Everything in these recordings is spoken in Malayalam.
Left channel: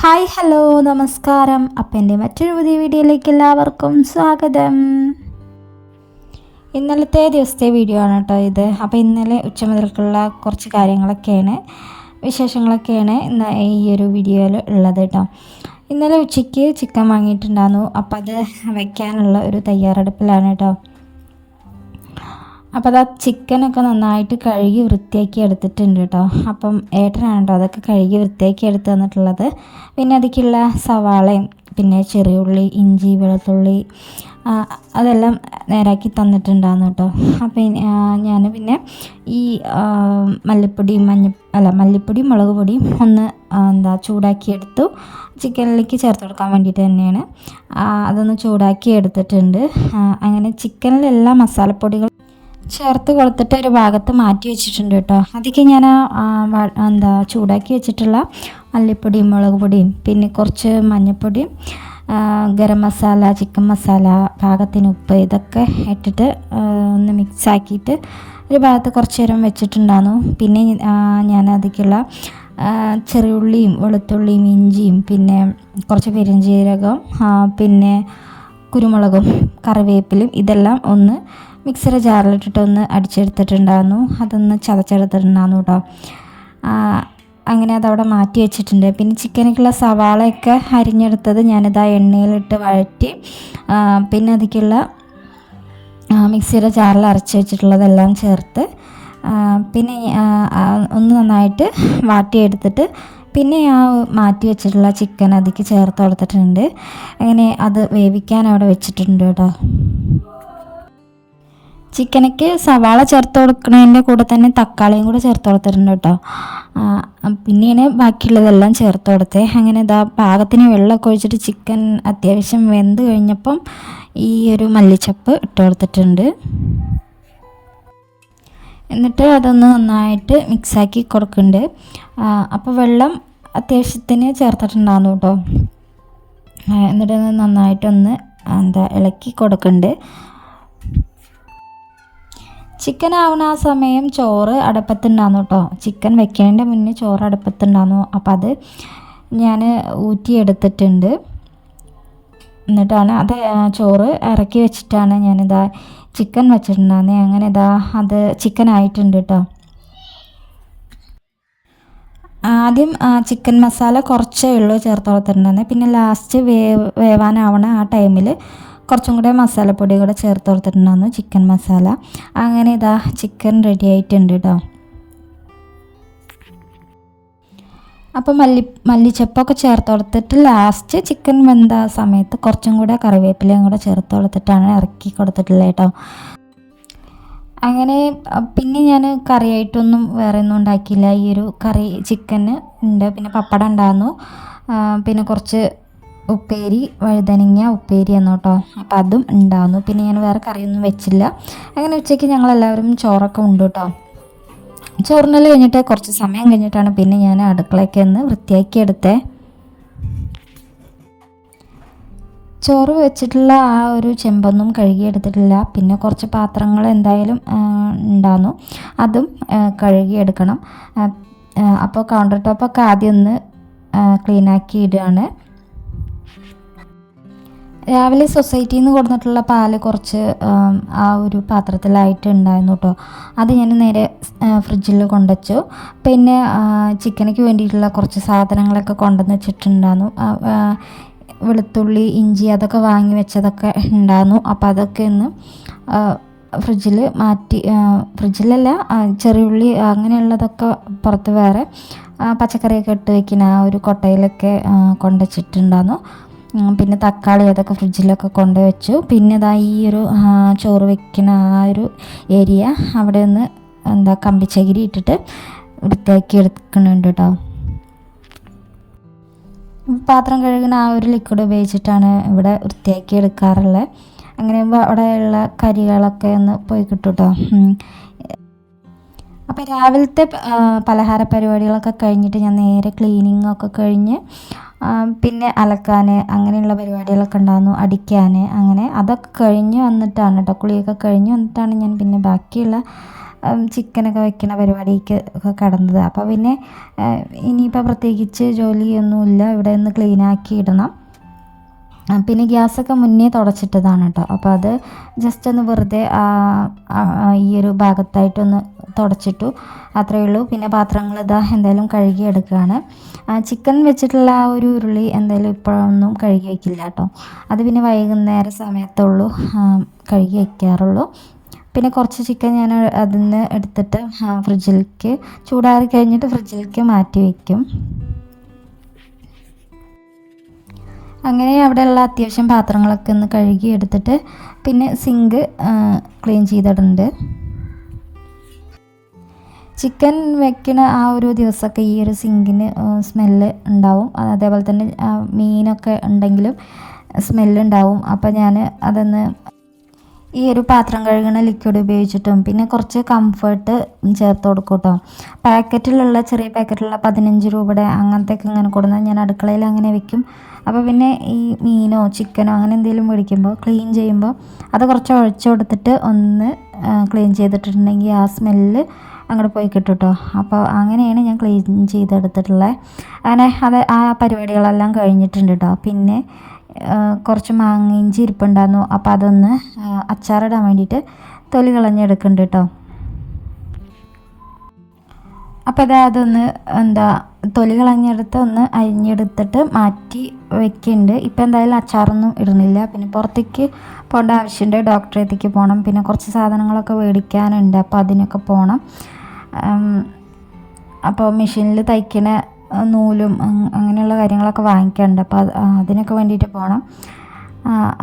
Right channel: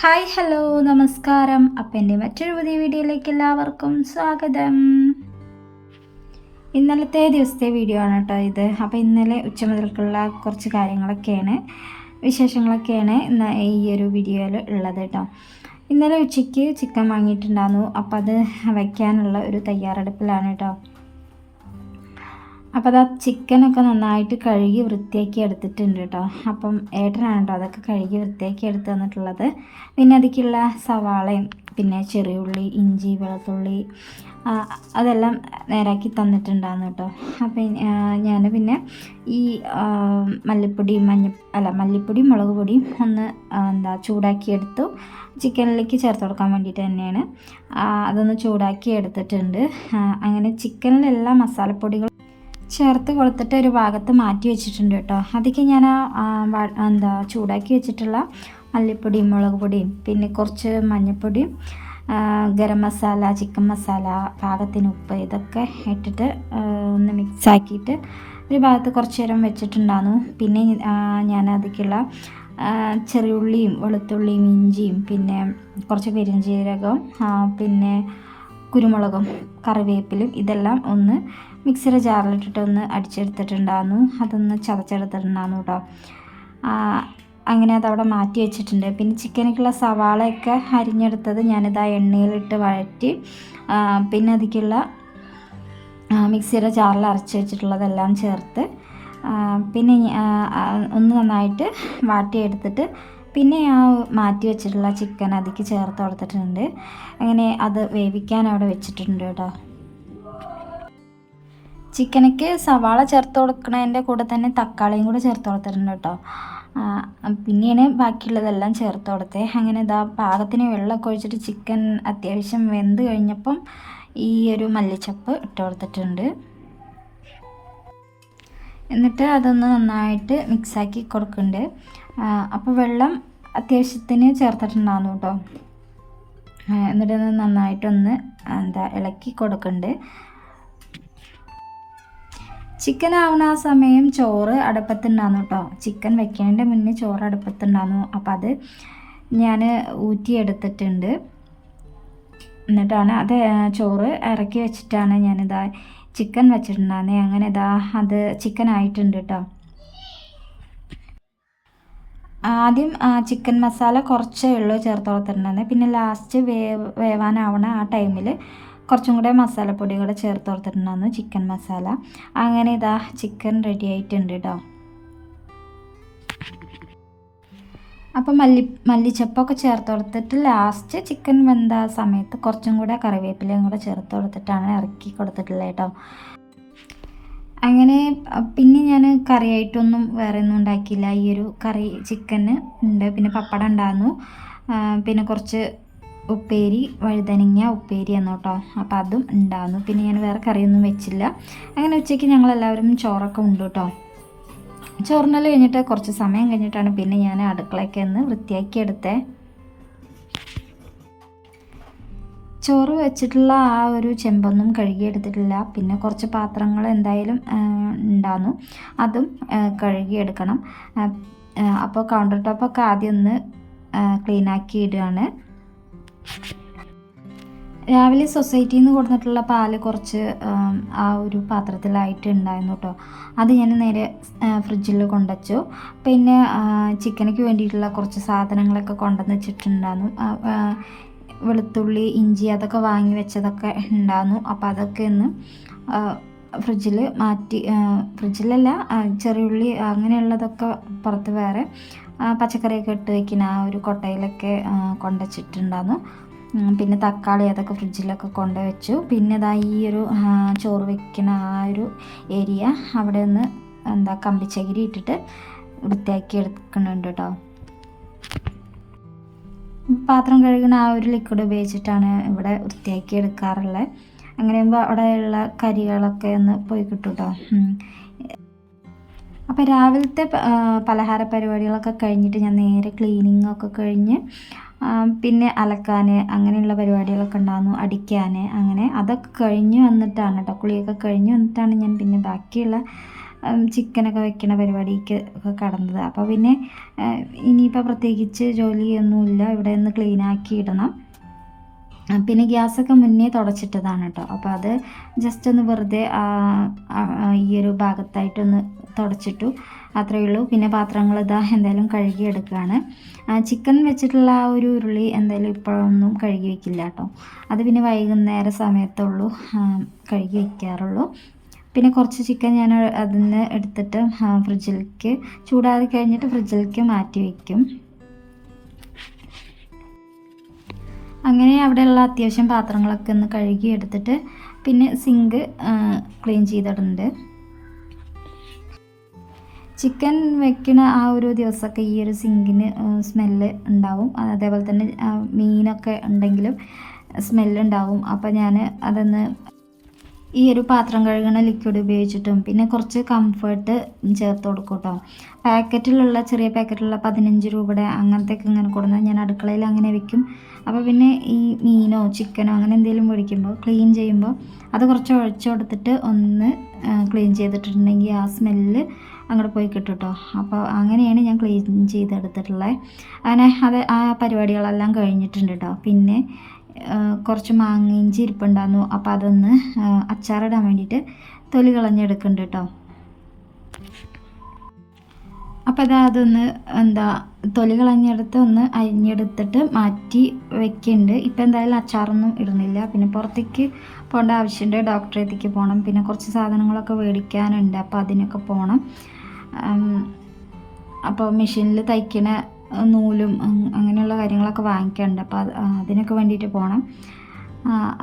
ഹായ് ഹലോ നമസ്കാരം. അപ്പം എൻ്റെ മറ്റൊരു പുതിയ വീഡിയോയിലേക്ക് എല്ലാവർക്കും സ്വാഗതം. ഇന്നലത്തെ ദിവസത്തെ വീഡിയോ ആണ് കേട്ടോ ഇത്. അപ്പോൾ ഇന്നലെ ഉച്ച മുതൽക്കുള്ള കുറച്ച് കാര്യങ്ങളൊക്കെയാണ്, വിശേഷങ്ങളൊക്കെയാണ് ഇന്ന് ഈ ഒരു വീഡിയോയിൽ ഉള്ളത് കേട്ടോ. ഇന്നലെ ഉച്ചയ്ക്ക് ചിക്കൻ വാങ്ങിയിട്ടുണ്ടായിരുന്നു. അപ്പോൾ അത് വയ്ക്കാനുള്ള ഒരു തയ്യാറെടുപ്പിലാണ് കേട്ടോ. അപ്പോൾ അത് ചിക്കനൊക്കെ നന്നായിട്ട് കഴുകി വൃത്തിയാക്കി എടുത്തിട്ടുണ്ട് കേട്ടോ. അപ്പം ഏട്ടനാണ് കേട്ടോ അതൊക്കെ കഴുകി വൃത്തിയാക്കി എടുത്ത് തന്നിട്ടുള്ളത്. പിന്നെ അതിലേക്കുള്ള സവാളയും പിന്നെ ചെറിയ ഉള്ളി, ഇഞ്ചി, വെളുത്തുള്ളി അതെല്ലാം നേരാക്കി തന്നിട്ടുണ്ടായിരുന്നു കേട്ടോ. അപ്പം ഞാൻ പിന്നെ ഈ മല്ലിപ്പൊടിയും മുളക് പൊടിയും ഒന്ന് ചൂടാക്കിയെടുത്തു. ചിക്കനിലേക്ക് ചേർത്ത് കൊടുക്കാൻ വേണ്ടിയിട്ട് തന്നെയാണ് അതൊന്ന് ചൂടാക്കി എടുത്തിട്ടുണ്ട്. അങ്ങനെ ചിക്കനിലെല്ലാ മസാലപ്പൊടികൾ ചേർത്ത് കൊടുത്തിട്ട് ഒരു ഭാഗത്ത് മാറ്റി വെച്ചിട്ടുണ്ട് കേട്ടോ. അതിലേക്ക് ഞാൻ ചൂടാക്കി വെച്ചിട്ടുള്ള മല്ലിപ്പൊടിയും മുളക് പൊടിയും പിന്നെ കുറച്ച് മഞ്ഞൾപ്പൊടിയും ഗരം മസാല, ചിക്കൻ മസാല, പാകത്തിന് ഉപ്പ് ഇതൊക്കെ ഇട്ടിട്ട് ഒന്ന് മിക്സാക്കിയിട്ട് ഒരു ഭാഗത്ത് കുറച്ച് നേരം വെച്ചിട്ടുണ്ടായിരുന്നു. പിന്നെ ഞാൻ അതിലേക്കുള്ള ചെറിയുള്ളിയും വെളുത്തുള്ളിയും ഇഞ്ചിയും പിന്നെ കുറച്ച് പെരുംജീരകവും പിന്നെ കുരുമുളകും കറിവേപ്പിലും ഇതെല്ലാം ഒന്ന് മിക്സിയുടെ ജാറിലിട്ടിട്ട് ഒന്ന് അടിച്ചെടുത്തിട്ടുണ്ടായിരുന്നു. അതൊന്ന് ചതച്ചെടുത്തിട്ടുണ്ടായിരുന്നു കേട്ടോ. അങ്ങനെ അതവിടെ മാറ്റി വെച്ചിട്ടുണ്ട്. പിന്നെ ചിക്കനിലേക്കുള്ള സവാളയൊക്കെ അരിഞ്ഞെടുത്തത് ഞാനിതാ എണ്ണയിലിട്ട് വഴറ്റി പിന്നെ അതിലേക്കുള്ള മിക്സിയുടെ ജാറിൽ അരച്ച് വെച്ചിട്ടുള്ളതെല്ലാം ചേർത്ത് പിന്നെ ഒന്ന് നന്നായിട്ട് വാട്ടിയെടുത്തിട്ട് പിന്നെ മാറ്റി വെച്ചിട്ടുള്ള ചിക്കൻ അതിലേക്ക് ചേർത്ത് കൊടുത്തിട്ടുണ്ട്. അങ്ങനെ അത് വേവിക്കാൻ അവിടെ വെച്ചിട്ടുണ്ട് കേട്ടോ. ചിക്കനക്ക് സവാള ചേർത്ത് കൊടുക്കുന്നതിൻ്റെ കൂടെ തന്നെ തക്കാളിയും കൂടെ ചേർത്ത് കൊടുത്തിട്ടുണ്ട് കേട്ടോ. പിന്നെയാണ് ബാക്കിയുള്ളതെല്ലാം ചേർത്ത് കൊടുത്തത്. അങ്ങനെ പാകത്തിന് വെള്ളമൊക്കെ ഒഴിച്ചിട്ട് ചിക്കൻ അത്യാവശ്യം വെന്ത് കഴിഞ്ഞപ്പം ഈ ഒരു മല്ലിച്ചപ്പ് ഇട്ട് കൊടുത്തിട്ടുണ്ട്. എന്നിട്ട് അതൊന്ന് നന്നായിട്ട് മിക്സാക്കി കൊടുക്കുന്നുണ്ട്. അപ്പോൾ വെള്ളം അത്യാവശ്യത്തിന് ചേർത്തിട്ടുണ്ടായിരുന്നു കേട്ടോ. എന്നിട്ട് നന്നായിട്ടൊന്ന് ഇളക്കി കൊടുക്കുന്നുണ്ട്. ചിക്കൻ ആവുന്ന ആ സമയം ചോറ് അടുപ്പത്തുണ്ടായിരുന്നു കേട്ടോ. ചിക്കൻ വെക്കുന്നതിൻ്റെ മുന്നേ ചോറ് അടുപ്പത്തുണ്ടായിരുന്നു. അപ്പോൾ അത് ഞാൻ ഊറ്റിയെടുത്തിട്ടുണ്ട്. എന്നിട്ടാണ് അത് ചോറ് ഇറക്കി വെച്ചിട്ടാണ് ഞാനിതാ ചിക്കൻ വെച്ചിട്ടുണ്ടായിരുന്നത്. അങ്ങനെ അത് ചിക്കൻ ആയിട്ടുണ്ട് കേട്ടോ. ആദ്യം ചിക്കൻ മസാല കുറച്ചേ ഉള്ളൂ ചേർത്ത് കൊടുത്തിട്ടുണ്ടായിരുന്നത്. പിന്നെ ലാസ്റ്റ് വേവാനാവണ ആ ടൈമിൽ കുറച്ചും കൂടെ മസാലപ്പൊടി കൂടെ ചേർത്ത് കൊടുത്തിട്ടുണ്ടായിരുന്നു, ചിക്കൻ മസാല. അങ്ങനെ ചിക്കൻ റെഡി ആയിട്ടുണ്ട് കേട്ടോ. അപ്പോൾ മല്ലിച്ചപ്പൊക്കെ ചേർത്ത് കൊടുത്തിട്ട് ലാസ്റ്റ് ചിക്കൻ വെന്ത സമയത്ത് കുറച്ചും കൂടെ കറിവേപ്പിലയും കൂടെ ചേർത്ത് കൊടുത്തിട്ടാണ് ഇറക്കി കൊടുത്തിട്ടുള്ളത് കേട്ടോ. അങ്ങനെ പിന്നെ ഞാൻ കറിയായിട്ടൊന്നും വേറെ ഒന്നും ഉണ്ടാക്കിയില്ല. ഈ ഒരു കറി ചിക്കന് ഉണ്ട്. പിന്നെ പപ്പടം ഉണ്ടായിരുന്നു. പിന്നെ കുറച്ച് ഉപ്പേരി, വഴുതനങ്ങ ഉപ്പേരി എന്ന് കേട്ടോ. അപ്പോൾ അതും ഉണ്ടായിരുന്നു. പിന്നെ ഞാൻ വേറെ കറിയൊന്നും വെച്ചില്ല. അങ്ങനെ ഉച്ചയ്ക്ക് ഞങ്ങളെല്ലാവരും ചോറൊക്കെ ഉണ്ട് കേട്ടോ. ചോറിനെല്ലാം കഴിഞ്ഞിട്ട് കുറച്ച് സമയം കഴിഞ്ഞിട്ടാണ് പിന്നെ ഞാൻ അടുക്കളയ്ക്ക് ഒന്ന് വൃത്തിയാക്കി എടുത്തേ. ചോറ് വെച്ചിട്ടുള്ള ആ ഒരു ചെമ്പൊന്നും കഴുകിയെടുത്തിട്ടില്ല. പിന്നെ കുറച്ച് പാത്രങ്ങൾ എന്തായാലും ഉണ്ടായിരുന്നു, അതും കഴുകിയെടുക്കണം. അപ്പോൾ കൗണ്ടർ ടോപ്പൊക്കെ ആദ്യം ഒന്ന് ക്ലീനാക്കി ഇടുകയാണ്. രാവിലെ സൊസൈറ്റിയിൽ നിന്ന് കൊടുത്തിട്ടുള്ള പാല് കുറച്ച് ആ ഒരു പാത്രത്തിലായിട്ട് ഉണ്ടായിരുന്നു കേട്ടോ. അത് ഞാൻ നേരെ ഫ്രിഡ്ജിൽ കൊണ്ടുവച്ചു. പിന്നെ ചിക്കനക്ക് വേണ്ടിയിട്ടുള്ള കുറച്ച് സാധനങ്ങളൊക്കെ കൊണ്ടുവന്ന് വെച്ചിട്ടുണ്ടായിരുന്നു. വെളുത്തുള്ളി, ഇഞ്ചി അതൊക്കെ വാങ്ങി വെച്ചതൊക്കെ ഉണ്ടായിരുന്നു. അപ്പോൾ അതൊക്കെ ഒന്ന് ഫ്രിഡ്ജിൽ മാറ്റി, ഫ്രിഡ്ജിലല്ല ചെറിയുള്ളി അങ്ങനെയുള്ളതൊക്കെ പുറത്ത് വേറെ പച്ചക്കറിയൊക്കെ ഇട്ട് വയ്ക്കുന്ന ആ ഒരു കൊട്ടയിലൊക്കെ കൊണ്ടുവച്ചിട്ടുണ്ടായിരുന്നു. പിന്നെ തക്കാളി അതൊക്കെ ഫ്രിഡ്ജിലൊക്കെ കൊണ്ടുവച്ചു. പിന്നെ ഈ ഒരു ചോറ് വയ്ക്കുന്ന ആ ഒരു ഏരിയ അവിടെ ഒന്ന് കമ്പിച്ചകിരി ഇട്ടിട്ട് വൃത്തിയാക്കി എടുക്കുന്നുണ്ട് കേട്ടോ. പാത്രം കഴുകുന്ന ആ ഒരു ലിക്വിഡ് ഉപയോഗിച്ചിട്ടാണ് ഇവിടെ വൃത്തിയാക്കി എടുക്കാറുള്ളത്. അങ്ങനെ അവിടെയുള്ള കരികളൊക്കെ ഒന്ന് പോയി കിട്ടും കേട്ടോ. അപ്പോൾ രാവിലത്തെ പലഹാര പരിപാടികളൊക്കെ കഴിഞ്ഞിട്ട് ഞാൻ നേരെ ക്ലീനിങ്ങൊക്കെ കഴിഞ്ഞ് പിന്നെ അലക്കാൻ അങ്ങനെയുള്ള പരിപാടികളൊക്കെ ഉണ്ടായിരുന്നു, അടിക്കാൻ. അങ്ങനെ അതൊക്കെ കഴിഞ്ഞ് വന്നിട്ടാണ് കേട്ടോ, കുളിയൊക്കെ കഴിഞ്ഞ് വന്നിട്ടാണ് ഞാൻ പിന്നെ ബാക്കിയുള്ള ചിക്കനൊക്കെ വെക്കണ പരിപാടിക്ക് ഒക്കെ കടന്നത്. അപ്പോൾ പിന്നെ ഇനിയിപ്പോൾ പ്രത്യേകിച്ച് ജോലിയൊന്നുമില്ല, ഇവിടെ ഒന്ന് ക്ലീനാക്കി ഇടണം. പിന്നെ ഗ്യാസൊക്കെ മുന്നേ തുടച്ചിട്ടതാണ് കേട്ടോ. അപ്പോൾ അത് ജസ്റ്റ് ഒന്ന് വെറുതെ ഈ ഒരു ഭാഗത്തായിട്ടൊന്ന് തുടച്ചിട്ടു, അത്രയേ ഉള്ളൂ. പിന്നെ പാത്രങ്ങൾ ഇതാ എന്തായാലും കഴുകി എടുക്കുകയാണ്. ചിക്കൻ വെച്ചിട്ടുള്ള ആ ഒരു ഉരുളി എന്തായാലും ഇപ്പോഴൊന്നും കഴുകി വയ്ക്കില്ല കേട്ടോ. അത് പിന്നെ വൈകുന്നേര സമയത്തുള്ളൂ കഴുകി വയ്ക്കാറുള്ളൂ. പിന്നെ കുറച്ച് ചിക്കൻ ഞാൻ അതിൽ നിന്ന് എടുത്തിട്ട് ഫ്രിഡ്ജിലേക്ക് ചൂടാറി കഴിഞ്ഞിട്ട് ഫ്രിഡ്ജിലേക്ക് മാറ്റി വയ്ക്കും. അങ്ങനെ അവിടെയുള്ള അത്യാവശ്യം പാത്രങ്ങളൊക്കെ ഒന്ന് കഴുകി എടുത്തിട്ട് പിന്നെ സിങ്ക് ക്ലീൻ ചെയ്തിട്ടുണ്ട്. ചിക്കൻ വെക്കുന്ന ആ ഒരു ദിവസമൊക്കെ ഈ ഒരു സിങ്കിന് സ്മെല്ല് ഉണ്ടാവും. അതേപോലെ തന്നെ മീനൊക്കെ ഉണ്ടെങ്കിലും സ്മെല്ലുണ്ടാവും. അപ്പോൾ ഞാൻ അതൊന്ന് ഈ ഒരു പാത്രം കഴുകുന്ന ലിക്വിഡ് ഉപയോഗിച്ചിട്ടും പിന്നെ കുറച്ച് കംഫർട്ട് ചേർത്ത് കൊടുക്കും കേട്ടോ. പാക്കറ്റിലുള്ള ചെറിയ പാക്കറ്റിലുള്ള 15 രൂപയുടെ അങ്ങനത്തെയൊക്കെ ഇങ്ങനെ കൊടുന്നാൽ ഞാൻ അടുക്കളയിൽ അങ്ങനെ വെക്കും. അപ്പോൾ പിന്നെ ഈ മീനോ ചിക്കനോ അങ്ങനെ എന്തെങ്കിലും മേടിക്കുമ്പോൾ ക്ലീൻ ചെയ്യുമ്പോൾ അത് കുറച്ച് ഒഴിച്ചു കൊടുത്തിട്ട് ഒന്ന് ക്ലീൻ ചെയ്തിട്ടുണ്ടെങ്കിൽ ആ സ്മെല്ല് അങ്ങോട്ട് പോയി കിട്ടും കേട്ടോ. അപ്പോൾ അങ്ങനെയാണ് ഞാൻ ക്ലീൻ ചെയ്തെടുത്തിട്ടുള്ളത്. അങ്ങനെ ആ പരിപാടികളെല്ലാം കഴിഞ്ഞിട്ടുണ്ട് കേട്ടോ. പിന്നെ കുറച്ച് മാങ്ങ ഇഞ്ചി ഇരിപ്പുണ്ടായിരുന്നു, അപ്പോൾ അതൊന്ന് അച്ചാറിടാൻ വേണ്ടിയിട്ട് തൊലി കളഞ്ഞെടുക്കുന്നുണ്ട് കേട്ടോ. അപ്പോൾ അതൊന്ന് തൊലി കളഞ്ഞെടുത്ത് ഒന്ന് അരിഞ്ഞെടുത്തിട്ട് മാറ്റി വെക്കുന്നുണ്ട്. ഇപ്പോൾ എന്തായാലും അച്ചാറൊന്നും ഇടുന്നില്ല. പിന്നെ പുറത്തേക്ക് പോകേണ്ട ആവശ്യമുണ്ട്, ഡോക്ടറെ അടുത്തേക്ക് പോകണം. പിന്നെ കുറച്ച് സാധനങ്ങളൊക്കെ മേടിക്കാനുണ്ട്, അപ്പോൾ അതിനൊക്കെ പോകണം. അപ്പോൾ മെഷീനിൽ തയ്ക്കണ നൂലും അങ്ങനെയുള്ള കാര്യങ്ങളൊക്കെ വാങ്ങിക്കാനുണ്ട്, അപ്പോൾ അതിനൊക്കെ വേണ്ടിയിട്ട് പോകണം.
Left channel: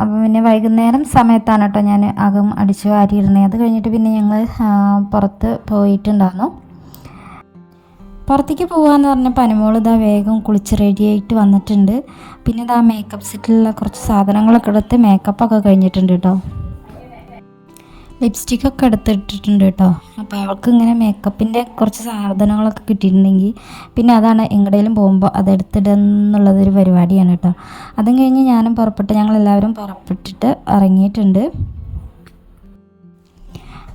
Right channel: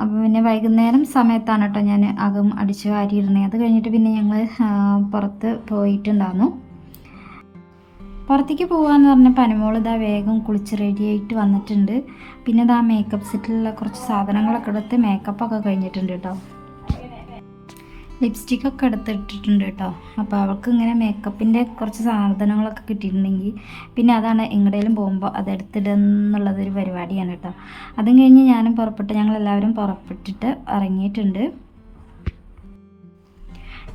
അപ്പോൾ പിന്നെ വൈകുന്നേരം സമയത്താണ് കേട്ടോ ഞാൻ അകം അടിച്ച് വാരിയിരുന്നത്. അത് കഴിഞ്ഞിട്ട് പിന്നെ ഞങ്ങൾ പുറത്ത് പോയിട്ടുണ്ടായിരുന്നു. പുറത്തേക്ക് പോകാമെന്ന് പറഞ്ഞപ്പോൾ അനുമോൾ ഇതാ വേഗം കുളിച്ച് റെഡിയായിട്ട് വന്നിട്ടുണ്ട്. പിന്നെ ഇതാ മേക്കപ്പ് സെറ്റിലുള്ള കുറച്ച് സാധനങ്ങളൊക്കെ എടുത്ത് മേക്കപ്പൊക്കെ കഴിഞ്ഞിട്ടുണ്ട് കേട്ടോ. ലിപ്സ്റ്റിക്കൊക്കെ എടുത്തിട്ടിട്ടുണ്ട് കേട്ടോ. അപ്പോൾ അവൾക്ക് ഇങ്ങനെ മേക്കപ്പിൻ്റെ കുറച്ച് സാധനങ്ങളൊക്കെ കിട്ടിയിട്ടുണ്ടെങ്കിൽ പിന്നെ അതാണ് എങ്ങടേലും പോകുമ്പോൾ അതെടുത്തിടുന്നുള്ളതൊരു പരിപാടിയാണ് കേട്ടോ. അതും കഴിഞ്ഞ് ഞാനും ഞങ്ങളെല്ലാവരും പുറപ്പെട്ടിട്ട് ഇറങ്ങിയിട്ടുണ്ട്.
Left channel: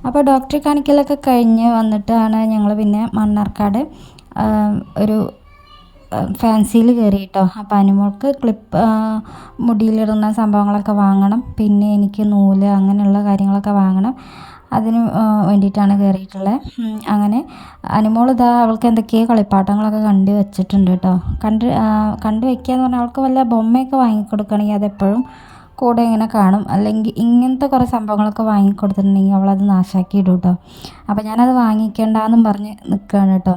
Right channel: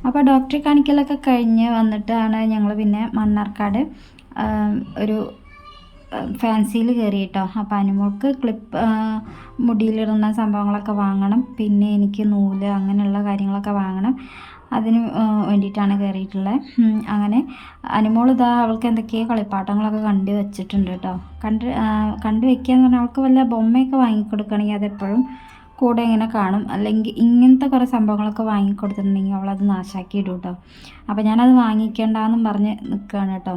അപ്പോൾ ഡോക്ടറെ കാണിക്കലൊക്കെ കഴിഞ്ഞ് വന്നിട്ടാണ് ഞങ്ങൾ പിന്നെ മണ്ണാർക്കാട് ഒരു ഫാൻസിയിൽ കയറി കേട്ടോ. അപ്പോൾ അനുമോൾക്ക് ക്ലിപ്പ് മുടിയിലിടുന്ന സംഭവങ്ങളൊക്കെ വാങ്ങണം. പിന്നെ എനിക്ക് നൂല് അങ്ങനെയുള്ള കാര്യങ്ങളൊക്കെ വാങ്ങണം. അതിന് വേണ്ടിയിട്ടാണ് കയറിയിട്ടുള്ളത്. അങ്ങനെ അനുമോൾ അവൾക്ക് എന്തൊക്കെയോ കളിപ്പാട്ടങ്ങളൊക്കെ കണ്ടു വെച്ചിട്ടുണ്ട് കേട്ടോ. കണ്ടു വെക്കുക എന്ന് പറഞ്ഞാൽ അവൾക്ക് വല്ല ബൊമ്മയൊക്കെ വാങ്ങിക്കൊടുക്കുകയാണെങ്കിൽ അതെപ്പോഴും കൂടെ ഇങ്ങനെ കാണും. അല്ലെങ്കിൽ ഇങ്ങനത്തെ കുറേ സംഭവങ്ങളൊക്കെ വാങ്ങിക്കൊടുത്തിട്ടുണ്ടെങ്കിൽ അവളത് നാശാക്കി ഇടും കേട്ടോ. അപ്പോൾ ഞാനത് വാങ്ങിക്കേണ്ടെന്നും പറഞ്ഞ് നിൽക്കുകയാണ് കേട്ടോ.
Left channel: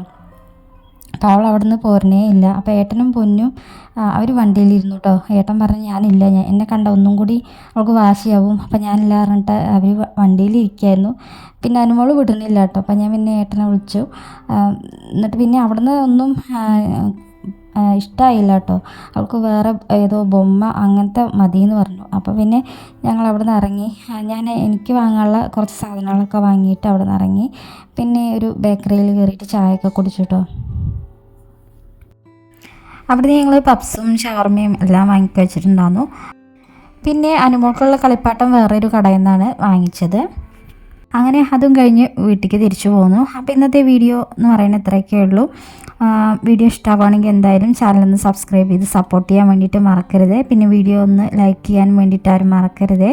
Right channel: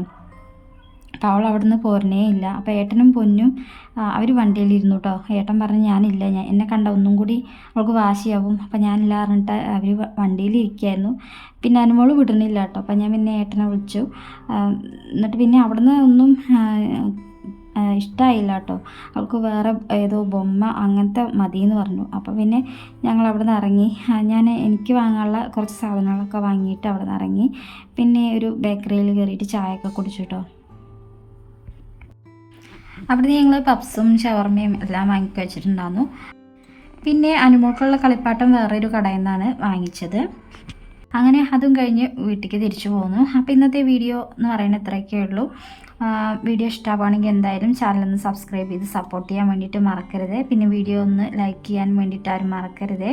അപ്പോൾ അവൾ അവിടെ നിന്ന് പോരണേ ഇല്ല. അപ്പോൾ ഏട്ടനും പൊന്നും അവർ വണ്ടിയിലിരുന്നു കേട്ടോ. ഏട്ടൻ പറഞ്ഞ് ഞാനില്ല, എന്നെ കണ്ട ഒന്നും കൂടി അവൾക്ക് വാശിയാവും, അപ്പോൾ ഞാനില്ല പറഞ്ഞിട്ട് അവർ വണ്ടിയിലിരിക്കുകയായിരുന്നു. പിന്നെ അനുമോൾ വിടുന്നില്ല കേട്ടോ. അപ്പോൾ ഞാൻ പിന്നെ ഏട്ടനെ വിളിച്ചു. എന്നിട്ട് പിന്നെ അവിടുന്ന് ഒന്നും ഇഷ്ടമായില്ല കേട്ടോ. അവൾക്ക് വേറെ ഏതോ ബൊമ്മ അങ്ങനത്തെ മതിയെന്ന് പറഞ്ഞു. അപ്പോൾ പിന്നെ ഞങ്ങൾ അവിടെ നിന്ന് ഇറങ്ങി. എനിക്ക് വാങ്ങാനുള്ള കുറച്ച് സാധനങ്ങളൊക്കെ വാങ്ങിയിട്ട് അവിടെ നിന്ന് ഇറങ്ങി. പിന്നെ ഒരു ബേക്കറിയിൽ കയറിയിട്ട് ചായയൊക്കെ കുടിച്ചു കേട്ടോ. അവിടെ ഞങ്ങൾ പപ്സും ഷവർമയും എല്ലാം വാങ്ങിക്കി വെച്ചിട്ടുണ്ടായിരുന്നു. പിന്നെ അനുമോൾക്കുള്ള കളിപ്പാട്ടം വേറൊരു കടയിൽ നിന്നാണ് വാങ്ങിച്ചത്. അങ്ങനെ അതും കഴിഞ്ഞ് വീട്ടിലേക്ക് തിരിച്ചു പോന്നു. അപ്പോൾ ഇന്നത്തെ വീഡിയോ എന്ന് പറയുന്നത് ഇത്രയൊക്കെ ഉള്ളൂ. വീഡിയോ ഇഷ്ടമാവുകയാണെങ്കിൽ എന്തായാലും ചാനലൊന്ന് സബ്സ്ക്രൈബ് ചെയ്ത് സപ്പോർട്ട് ചെയ്യാൻ വേണ്ടിയിട്ട് മറക്കരുത്. പിന്നെ വീഡിയോ ഒന്ന് ലൈക്ക് ചെയ്യാൻ വേണ്ടിയിട്ട് ആരും മറക്കരുത്.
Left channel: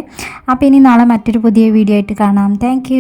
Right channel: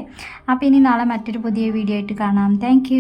അപ്പോൾ ഇനി നാളെ മറ്റൊരു പുതിയ വീഡിയോ ആയിട്ട് കാണാം. താങ്ക്